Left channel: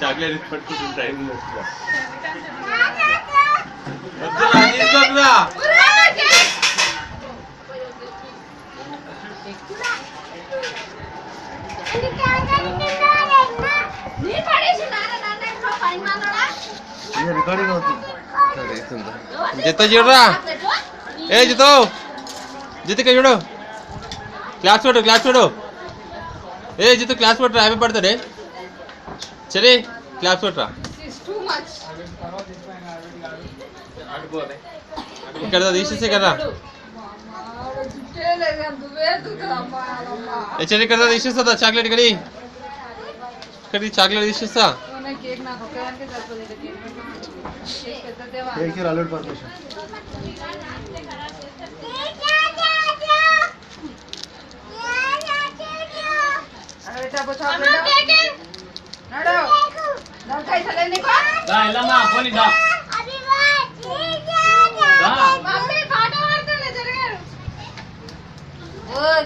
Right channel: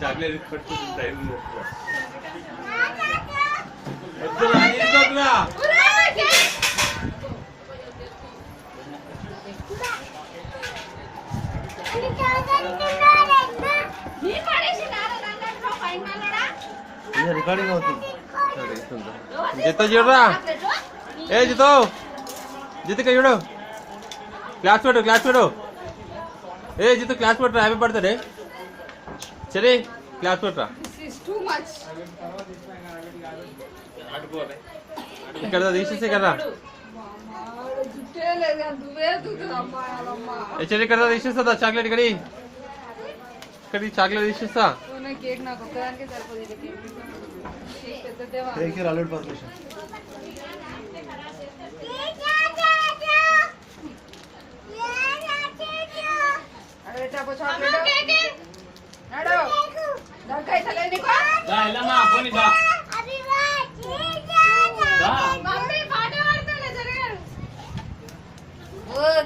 Chocolate పట్టుకుంటుంది time recording అవుతుంది. జితో చూడరా, ఏ జితో జితుక చూడు, క్లాస్ పెట్టు ఏ జితు క్లాస్ పెట్టరా, హ్యాపీ బర్త్డే సరే క్లాస్ పెట్టరా. ఇక్కడ తీసేసే కదా సరే, ఇక్కడ తీసేస్తా చాక్లెట్, ఇక్కడ చాక్లెట్ తీసేస్తా. అలర్ట్ పర్మిషన్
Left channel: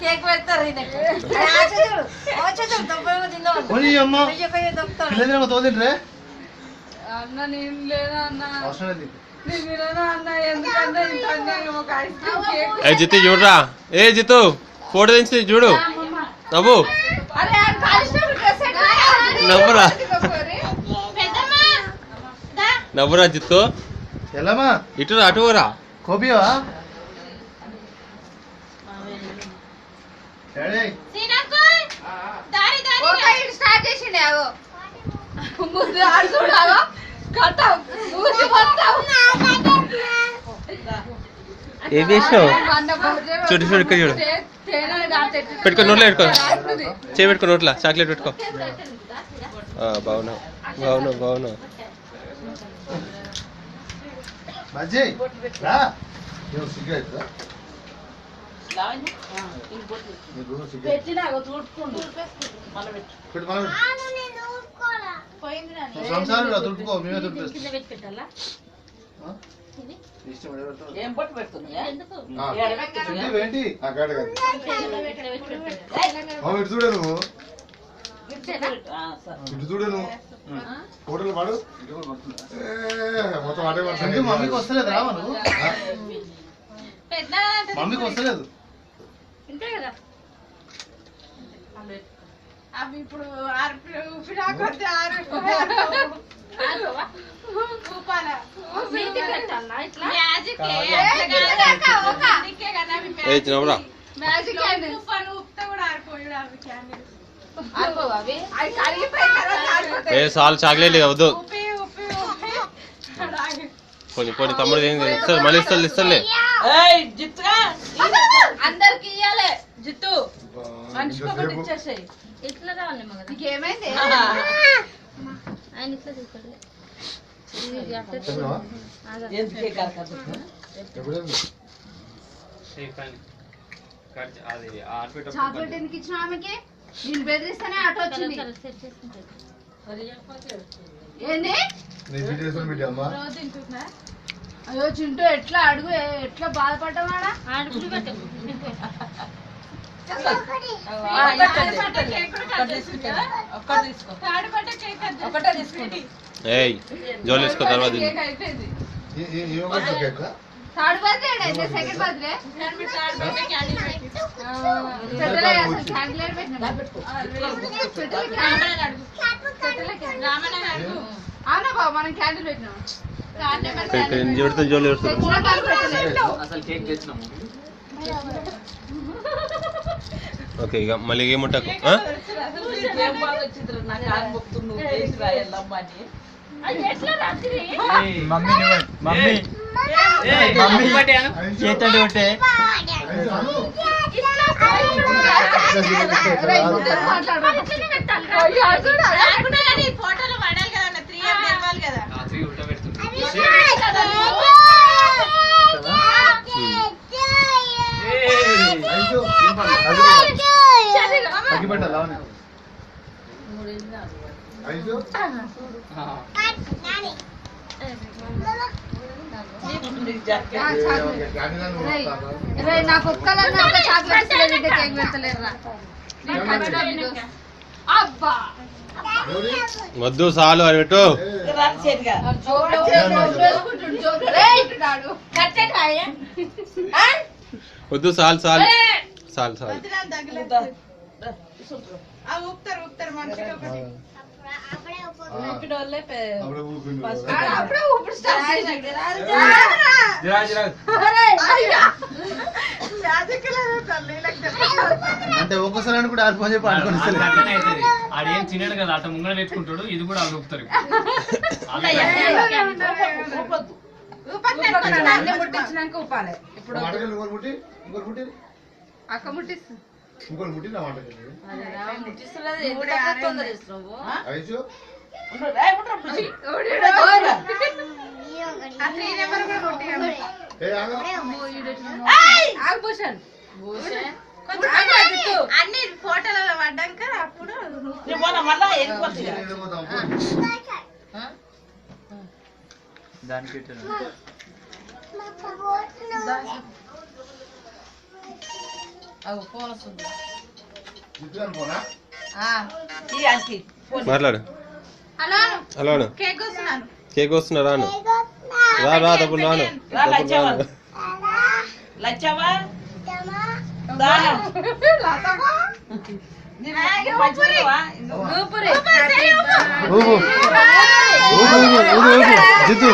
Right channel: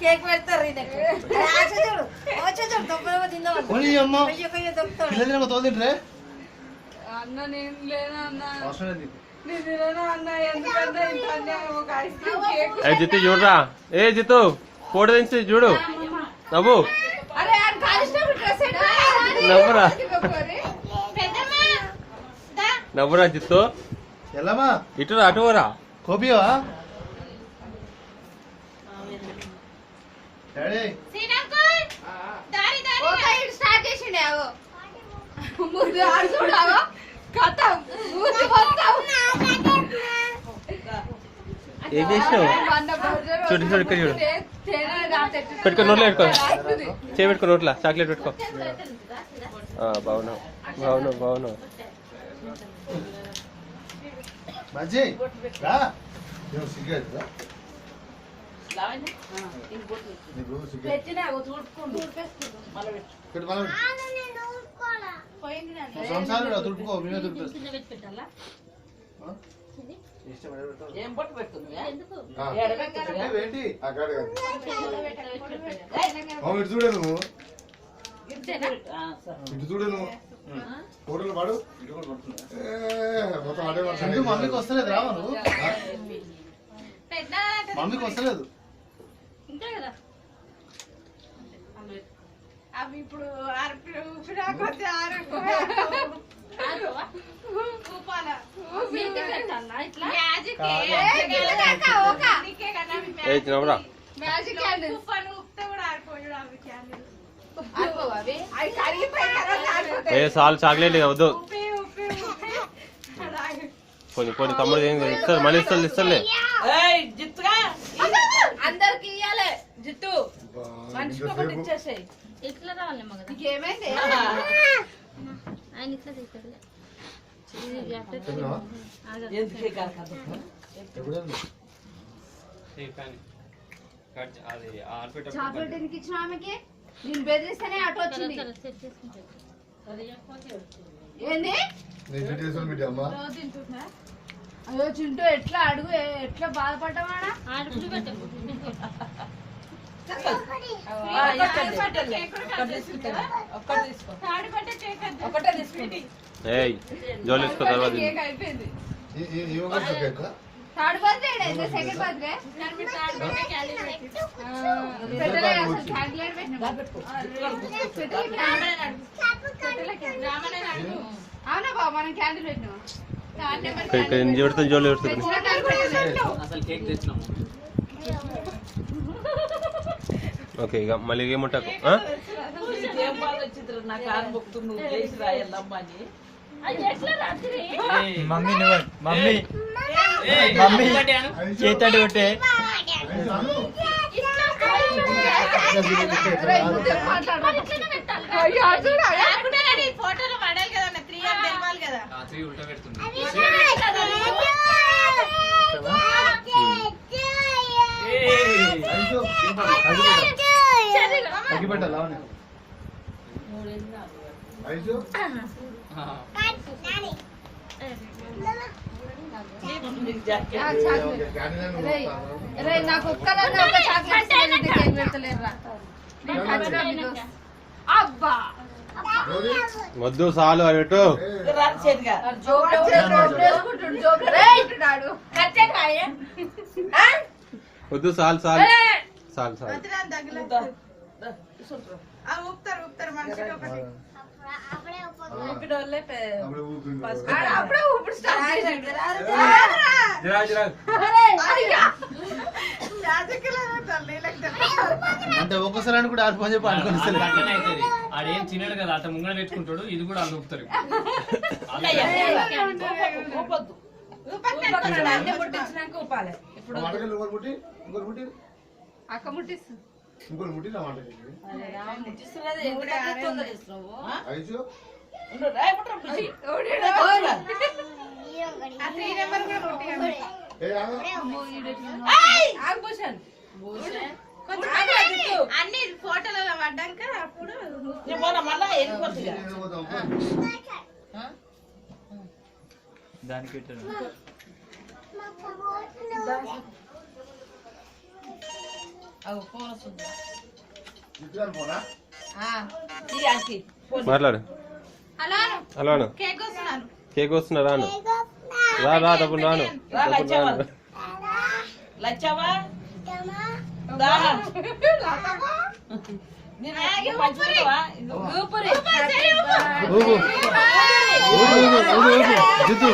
కేక్ పెడతారు తోదింట్రే అన్న నేను లేదా అన్న జితు చూడరా, ఏ జితు ఫోటో తెచ్చి చూడు, నవ్వు నవ్వురా జిత్తు, ఎలామా ఇటు అటువరా కోపియవా ఏం చేసినావు చూడు ఇక్కడ చూడు, పెట్టుకో నోట్లో పెట్టుకో, పెట్టుకో నోట్లా చాక్లెట్ పెట్టుకో. బాగున్నావు మజ్జి రా సిగరెట్ సంసారం తుడుపుకో, మేమే తుడిపేస్తాం. ఏంటి ఇటు చూడే నువ్వు, ఇటు చూడే నువ్వు ఫోటోలు పాడు మొత్తం అటే పడుతుంది. మమ్మీకి వస్తలేదు రావా నువ్వు, మమ్మీకి వస్తలేదు అవి ఇప్పుడు చాలు చాక్లెట్ వద్దు, పోనీ తమ్ముడు ఇస్తారు, మళ్ళీ ఇస్తారులే. అందరికి ఇయ్యాలి జిత్తు, మనిషికి ఒకటి ఇచ్చేసాయి. ఇట్లా రావాలి ఏమైంది ఆయన ఇట్లా తీసుకెళ్ళి చాక్లెట్ ఎందుకు ఇచ్చిన ఆమెకి? నేను బెదిరిస్తేనే ఆటో వచ్చింది. ఏంది అయ్యో చింటూ ఎట్లా అడుగు, ఎట్లా బాధపడ్డావాడా అడుగు. జోలేసుకో తర్వాత అయిపోయింది. థర్డ్ బర్త్డే సెకండ్ బర్త్డే అవునా బాబు, మనం క్యాండిల్ పెట్టినాం. జోలు ఓకే, ఇక మళ్ళీ ఏముంటాకు చేతడు ఒకటే ఫోటోలు పడాలి కదా, 3 ఇయర్స్ తెలవాలి కదా. అగ్గి పెట్టాలా నాకు ఒక్క చాక్లెట్ అబ్బా వద్దు చాలు అని పెట్టు. వద్దు చాలు చాలు చాలు చాలు. అంటే ఒక్కోసారి అని కూడా ఆడు పని చెప్పి ఆడుకొని ఆడేం తినడు కదా అట్ట ముంగడ పెట్టుకుంటాడు. ఇది కూడా వాళ్ళు ఊపుతారు. అక్క ముట్టిస్తుంది. ఇంకోటి ముట్టి నా మాట అన్ని ఫోటోలలో పడ్డాక అప్పుడు దానికి మాట్లాడు. హలో అను. కేక్ వస్తున్నా రాను. రా తప్పుడు రాను. జితు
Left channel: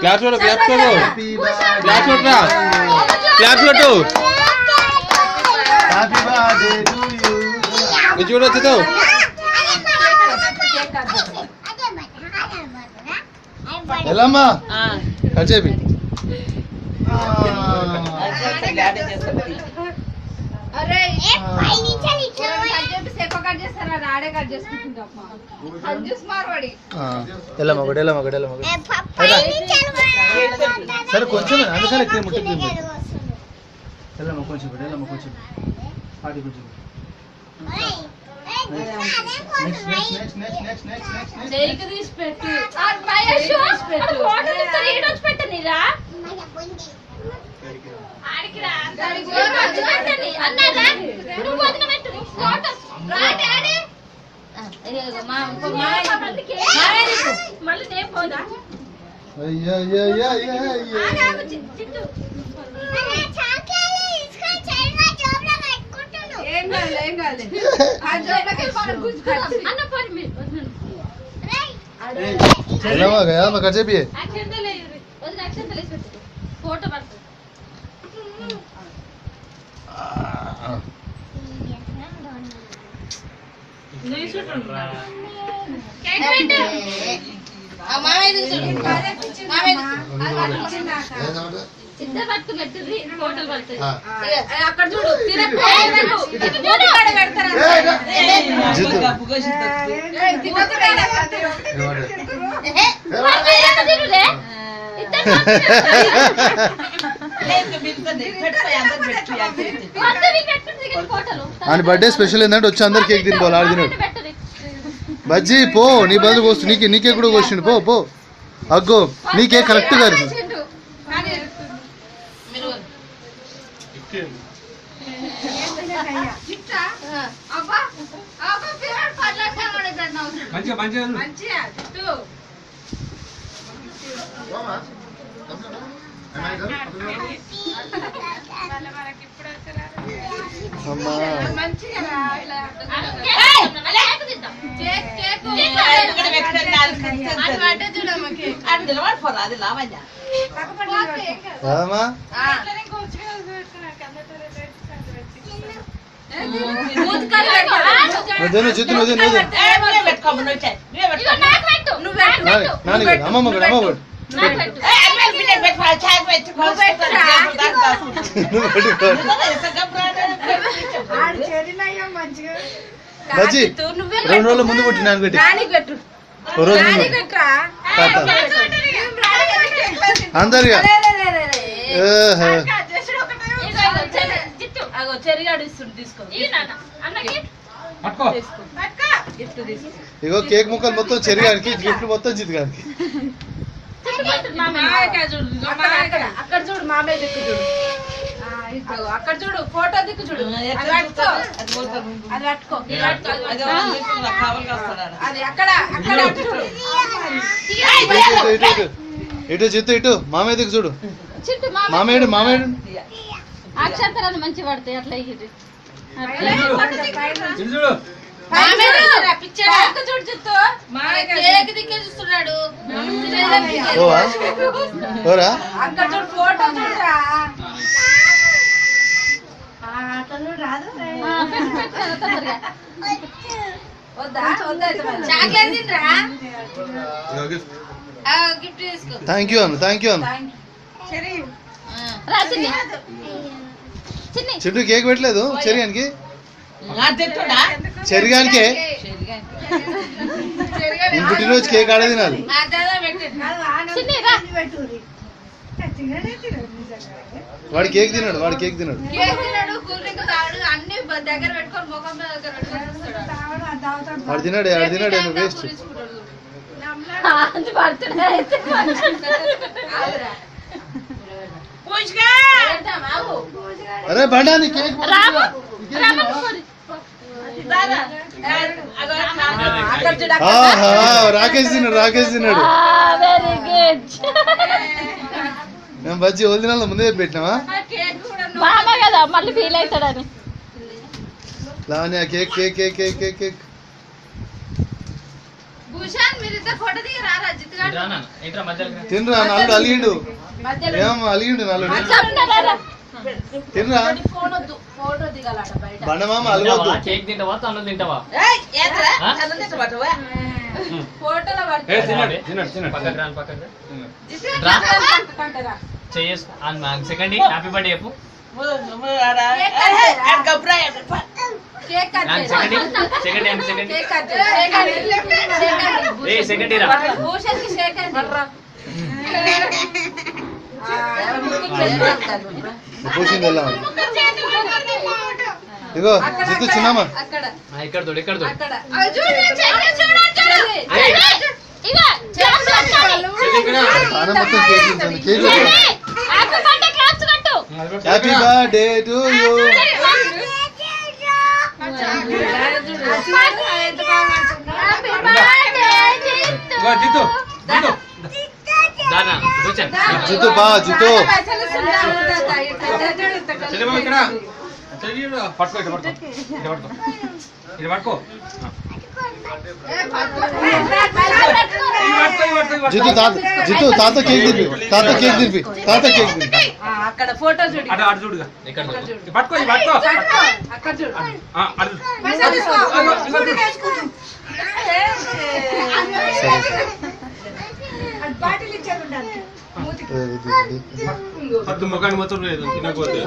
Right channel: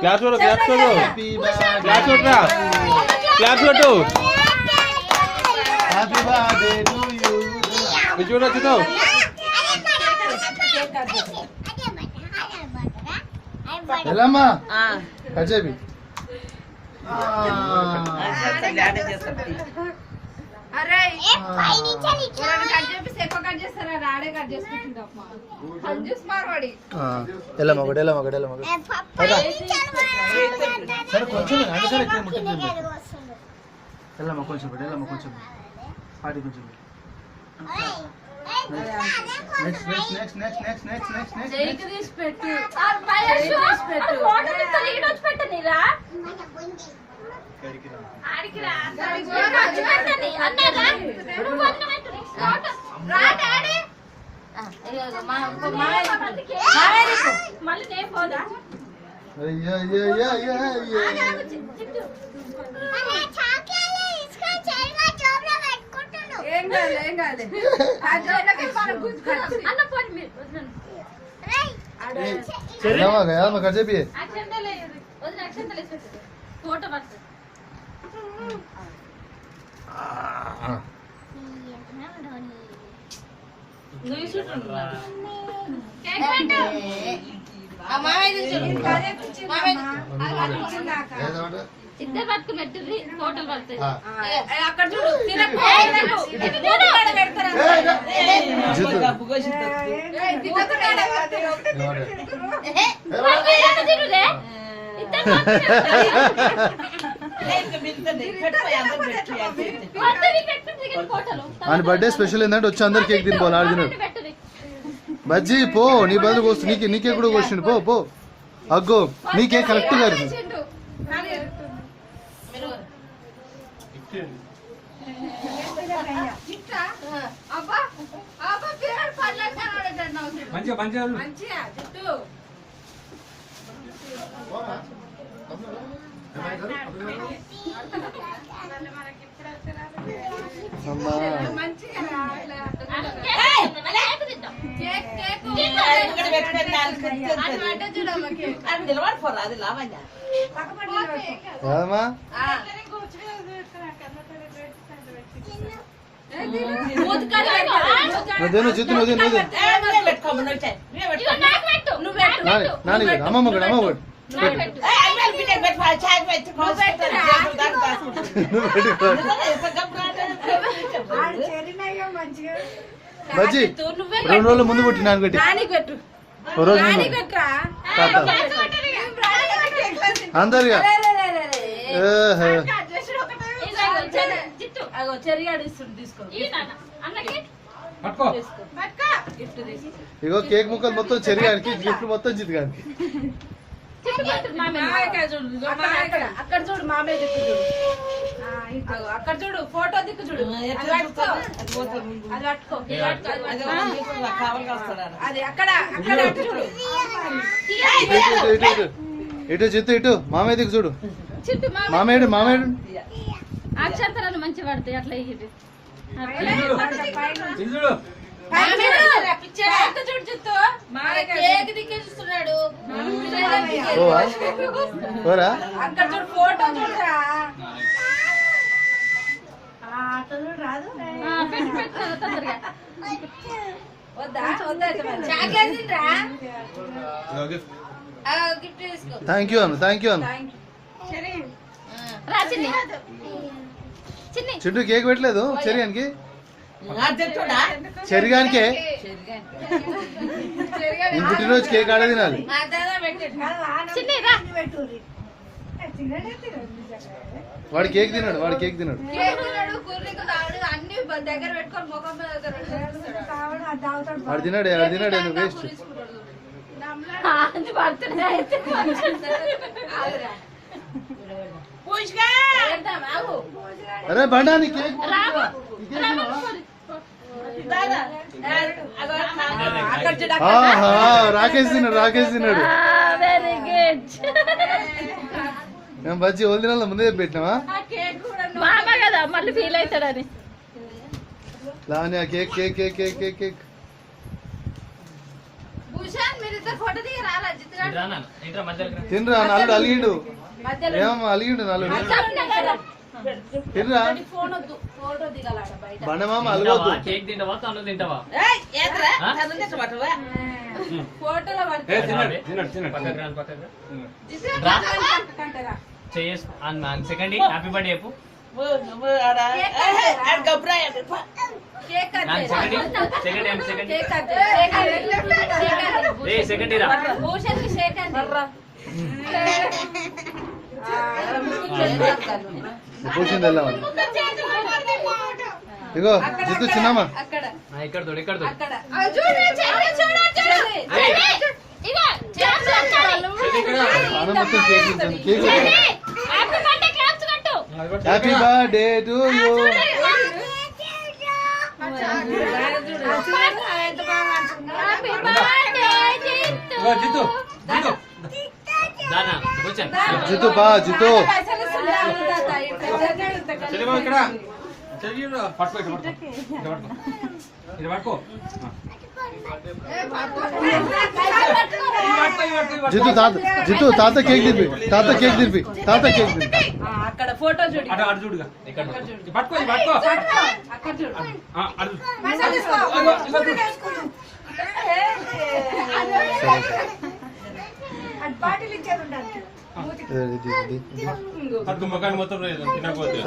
క్లాస్ కొట్టు క్లాస్ కొట్టు క్లాస్ కొట్టురా క్లాస్ కొట్టు. Happy birthday to you. చూడు వచ్చేతావు. ఎల్లమ్మా కట్ చేపి. ఎల్లమ్మ ఒకటి ఎల్లమ్మ ఒకటి ఎల్లమ్మ ఒకటి సరే కొంచెం అందుకని ఎక్కువ ముఖ్యం ఎల్లమ్మ కొంచెం పెట్టు ఎల్లమ్మ కొంచెం పాటి కొంచెం next next next next next next next next తీసి పెట్టు. కట్ చేపి. ఇద్దరు పట్టుకున్నట్టు ఫోటోలు పడతాయి. అక్కడ అని బర్త్డే స్పెషల్ ఏంటంటే వచ్చి అందరు కేక్ తినిపోవాలి ఆడు తిన్నాడు. బజ్జీ పో నీ బదులు కోస్తు నీకే కూడా కోసిండు పో పో. అగ్గో నీకే కరెక్ట్ గా అమ్మా నువ్వు జిత్తు నువ్వు నాని పెట్టు అమ్మమ్మ కూడా అమ్మ పెట్టు నువ్వు పెట్టుకో బజ్జీ 2 రోజుల ముందు పుట్టి నాన్న పెట్టి ఓ రోజు ముందు తాత అందరిగా ఇగో కేక్ ముక్కలు మొత్తం చెరిగానికి గిఫ్ట్ మొత్తం జితగానికి అక్కడ చూడు మామయ్య దిక్కు చూడు అక్కడ చూడు ఫోటో దిక్కు చూడు అది పట్టుకో అది అక్కడ అక్కడ చూడు ఇటు చిత్తు ఇటు మామయ్య దిక్కు చూడు మామయ్య మామయ్య అక్షంతరాలు మంచి పడతాయి అట్లా ఇది చూడు చూస్తున్నాడు ఓరా అక్కడ చూడు ఫోటో చూడరా తొందరగా వద్దా వద్దా చాక్లెట్ తినరా గిఫ్ట్ తీసుకో థ్యాంక్ యూ అన్న థ్యాంక్ యూ అన్న రా చిన్ని చిన్ని చింటూ కేక్ పెట్టలేదు చెరిగానికి చెరిగానికే నేను పుట్టినరోజు కేక్ ఆడే తినాలి చిన్ని రా వాడు కేక్ తిన్నాడు వాడు కేక్ తిన్నాడు కూల్ డ్రింక్ తాడు అన్ని దగ్గర పెట్టుకొని ముఖం మీద దగ్గర పెట్టుకొని వాడు తిన్నాడు నువ్వు వేస్ట్ అది పడుతున్నా అయితే అరే బండా నీ కేక్ రాకేష్ తిన్నాడు వెరీ గుడ్ మేము బజ్జీ వదిలిన ముందే పెట్టినావా మామ కదా మళ్ళీ ఫీల్ అవుతాడని Lavanya cake cake cake cake cake cake Bhushan మీరిద్దరు ఫోటో దిగి రారా జిత్తుగాడు ఏంట్రా మధ్యలో తినరా నల్లుడు అలిగిండు ఏమమ్మా అలిగిండు నల్లుడు తినరా ఫోన్ వద్దు ఫోటో దిగాలట బయట బండమామ అలగొద్దు కేక్ తింటావా తన్ను తింటావా ఫోటోలో పక్కకు రాను పక్కకు పడుతుంటారా చేయేసు సెకండ్ హ్యాపీ బర్త్డే చెప్పు cake cut second cake cut second Ira Bhushan కి షేక్ అండి పూసింది వెళ్ళాం ఇగో జిత్తు చిన్నమ్మా అక్కడ ఇక్కడ తోడు ఇక్కడ తోడు అక్కడ ఆన మొత్తం కేక్ తింటుంది cake happy birthday to you Jittu బా జిత్తు జిత్తు తాత కేక్ తినిపి అక్కడ ఫోటో చూడు పట్టుకో అక్కడ చూడు సరే ముఖాన్ని మొత్తం లేదు తినకపోతే